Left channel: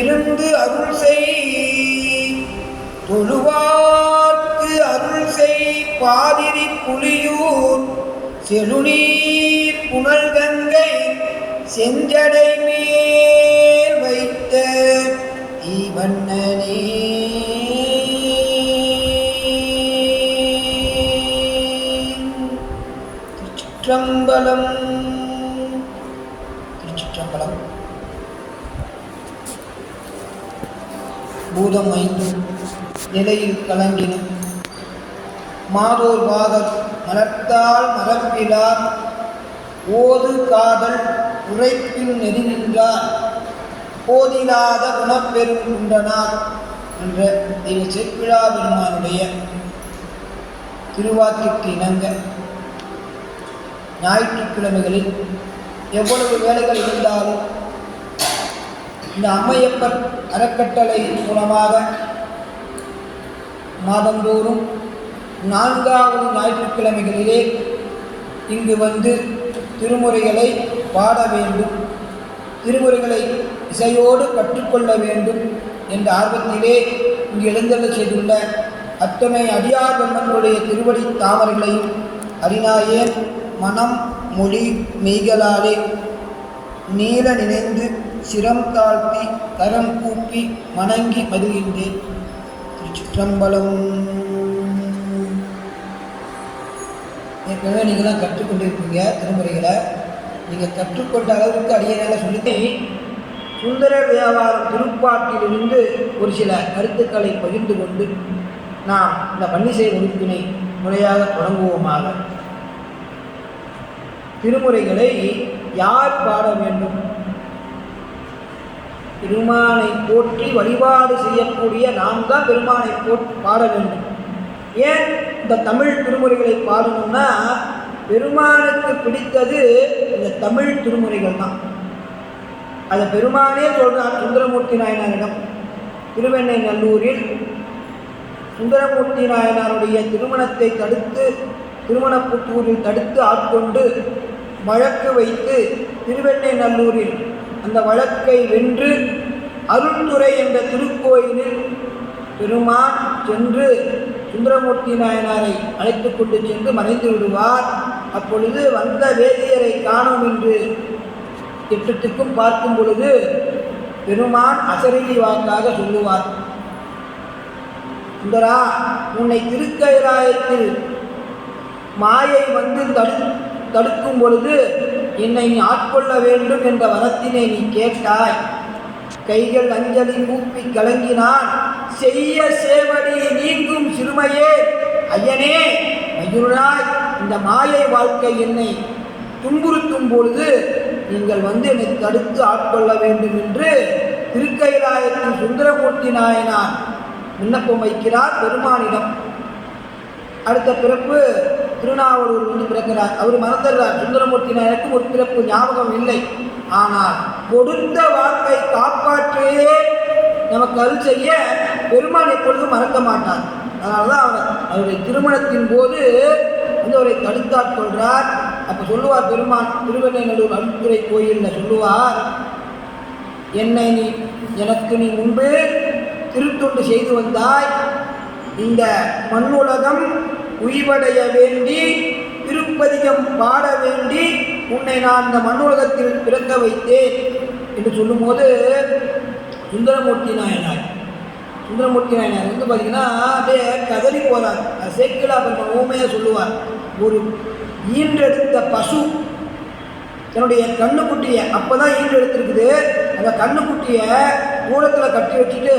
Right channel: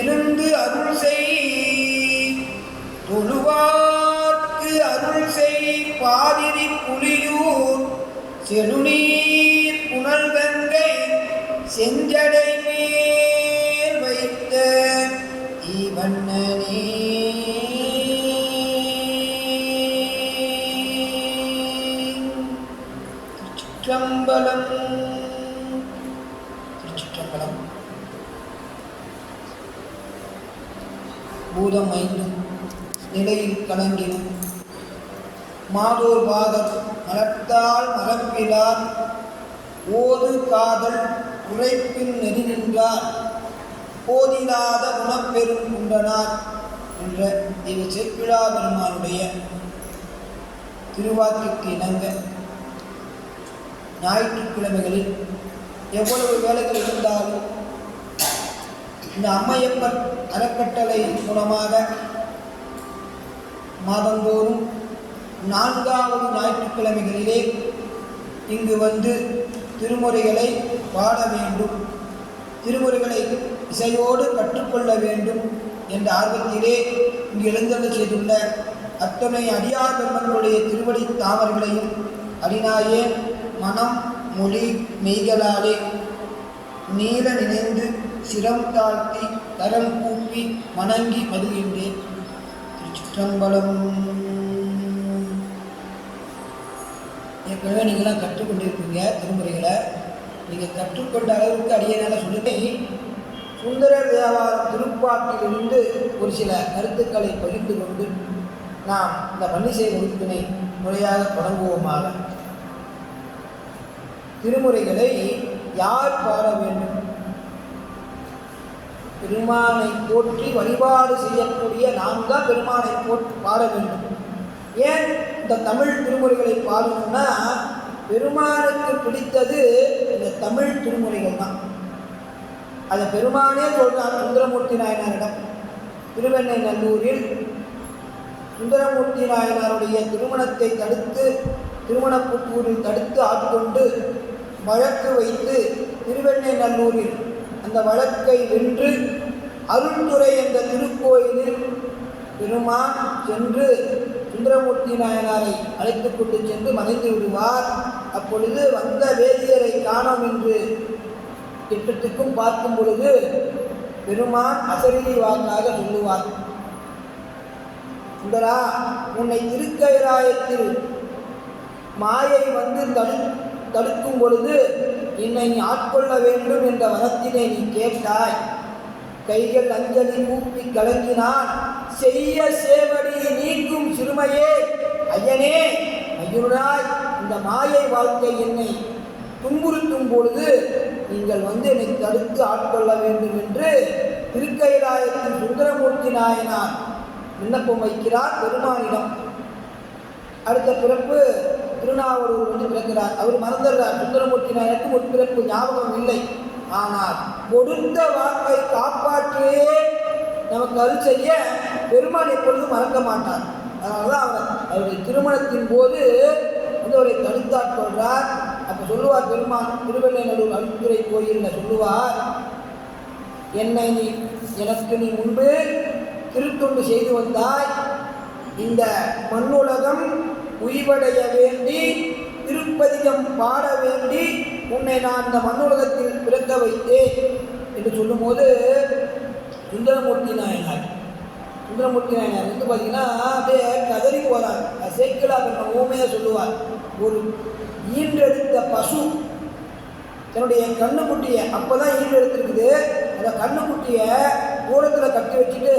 இருந்து அருள் செய் தொழுவார்க்கு அருள் செய் பாதிரி புலியூர் செழுநீர் புனல் கங்கை செஞ்சடை மேல் வைத்த ஈவண்ணனே. திருச்சிற்றம்பலம். திருச்சிற்றம்பலம். பூதம் 5 நிலையில் கலங்கினும் மாதோர் பாகர் மலர்த்தால் மரப்பிலார் ஓது காதல் உரைப்பின் நெறி நின்றார் போதிலாத குணப்பெரும் குண்டனார் என்ற தெய்வ சேக்கிழா பெருமானுடைய திருவாக்கிற்கு இணங்க ஞாயிற்றுக்கிழமைகளில் எவ்வளவு வேலைகள் இருந்தாலும் இந்த அம்மையப்பர் அறக்கட்டளை மூலமாக மாதந்தோறும் 4வது ஞாயிற்றுக்கிழமைகளிலே இங்கு வந்து திருமுறைகளை பாட வேண்டும், திருமுறைகளை இசையோடு கற்றுக்கொள்ள வேண்டும் என்ற ஆர்வத்திலே இங்கு எழுந்தருளச் செய்துள்ள அத்தனை அடியார் பெருமக்களுடைய திருவடி தாமரைகளையும் அறிநாயேன் மனம் மொழி மெய்களாலே நீல நினைந்து சிரம் தாழ்த்தி கரம் கூப்பி வணங்கி மகிழ்கின்றேன். திருச்சிற்றம்பலம். ஏற்கனவே நீங்களாம் கற்றுக்கொண்டிருப்பீங்க திருமுறைகளை. நீங்கள் கற்றுக்கொண்ட அளவுக்கு அடியனால சொல்லிட்டு சுந்தரர் தேவாரம் திருப்பாட்டிலிருந்து ஒரு சில கருத்துக்களை பகிர்ந்து கொண்டு நாம் இந்த பன்னிசை வகுப்பினை முறையாக தொடங்குவோமாக. திருமுறைகளை யார் பாட வேண்டும்? பெருமானை போற்றி வழிபாடு செய்யக்கூடிய நாம் தான் பெருமானை பாட வேண்டும். ஏன் இந்த தமிழ் திருமுறைகளை பாடணும்னா பெருமானுக்கு பிடித்தது இந்த தமிழ் திருமுறைகள் தான். அதை பெருமானே சொல்றார் சுந்தரமூர்த்தி நாயனாரிடம். திருவெண்ணை நல்லூரில் சுந்தரமூர்த்தி நாயனாருடைய திருமணத்தை தடுத்து திருமணப்புத்தூரில் தடுத்து ஆட்கொண்டு வழக்கு வைத்து திருவெண்ணை நல்லூரில் அந்த வழக்கை வென்று அருள்துறை என்ற திருக்கோயிலில் பெருமான் சென்று சுந்தரமூர்த்தி நாயனாரை அழைத்து கொண்டு சென்று மறைந்து விடுவார். அப்பொழுது வந்த வேதியரை காணோம் என்று திட்டத்துக்கும் பார்க்கும் பொழுது பெருமான் அசரீரி வாக்காக சொல்லுவார், சுந்தரா, உன்னை திருக்கைலாயத்தில் மாயை வந்து தடுக்கும் பொழுது என்னை நீ ஆட்கொள்ள வேண்டும் என்ற வரத்தினை நீ கேட்டாய். கைகள் அஞ்சலி கூப்பி கலங்கினான் செய்ய சேவடி நீங்கும் சிறுமையே. ஐயனே மயூராய், இந்த மாயை வாழ்க்கை என்னை துன்புறுத்தும் பொழுது நீங்கள் வந்து என்னை தடுத்து ஆட்கொள்ள வேண்டும் என்று திருக்கைலாயத்தில் சுந்தரமூர்த்தி நாயனார் விண்ணப்பம் வைக்கிறார் பெருமானிடம். அடுத்த பிறப்பு திருநாவலூர் வந்து பிறக்கிறார். அவர் மறந்துடுறார். சுந்தரமூர்த்தி நாயனுக்கும் ஒரு பிறப்பு ஞாபகம் இல்லை. ஆனால் கொடுத்த வாக்கை காப்பாற்றியே நமக்கு அருள் செய்ய பெருமான் எப்பொழுதும் மறக்க மாட்டார். அதனால்தான் அவருடைய திருமணத்தின் போது வந்து அவரை தடுத்தாற் சொல்றார். அப்போ சொல்லுவார் பெருமான் திருவெண்ணை நல்லூர் அருள்துறை கோயிலில் சொல்லுவார், என்னை எனக்கு நீ முன்பு திருத்தொண்டு செய்து வந்தாய், இந்த மண்ணுலகம் உய்வடைய வேண்டி திருப்பதிகம் பாட வேண்டி உன்னை நான் இந்த மண்ணுலகத்தில் பிறக்க வைத்தேன் என்று சொல்லும்போது சுந்தரமூர்த்தி நாயனார் வந்து பார்த்தீங்கன்னா அப்படியே கதறி போகிறார். சேக்கிழா கொஞ்சம் ஊமையாக சொல்லுவார், ஒரு ஈன்றெடுத்த பசு தன்னுடைய கண்ணுக்குட்டியை அப்போ தான் ஈன்றெடுத்துருக்குது, அந்த கண்ணுக்குட்டியை தூரத்தில் கட்டி வச்சுட்டு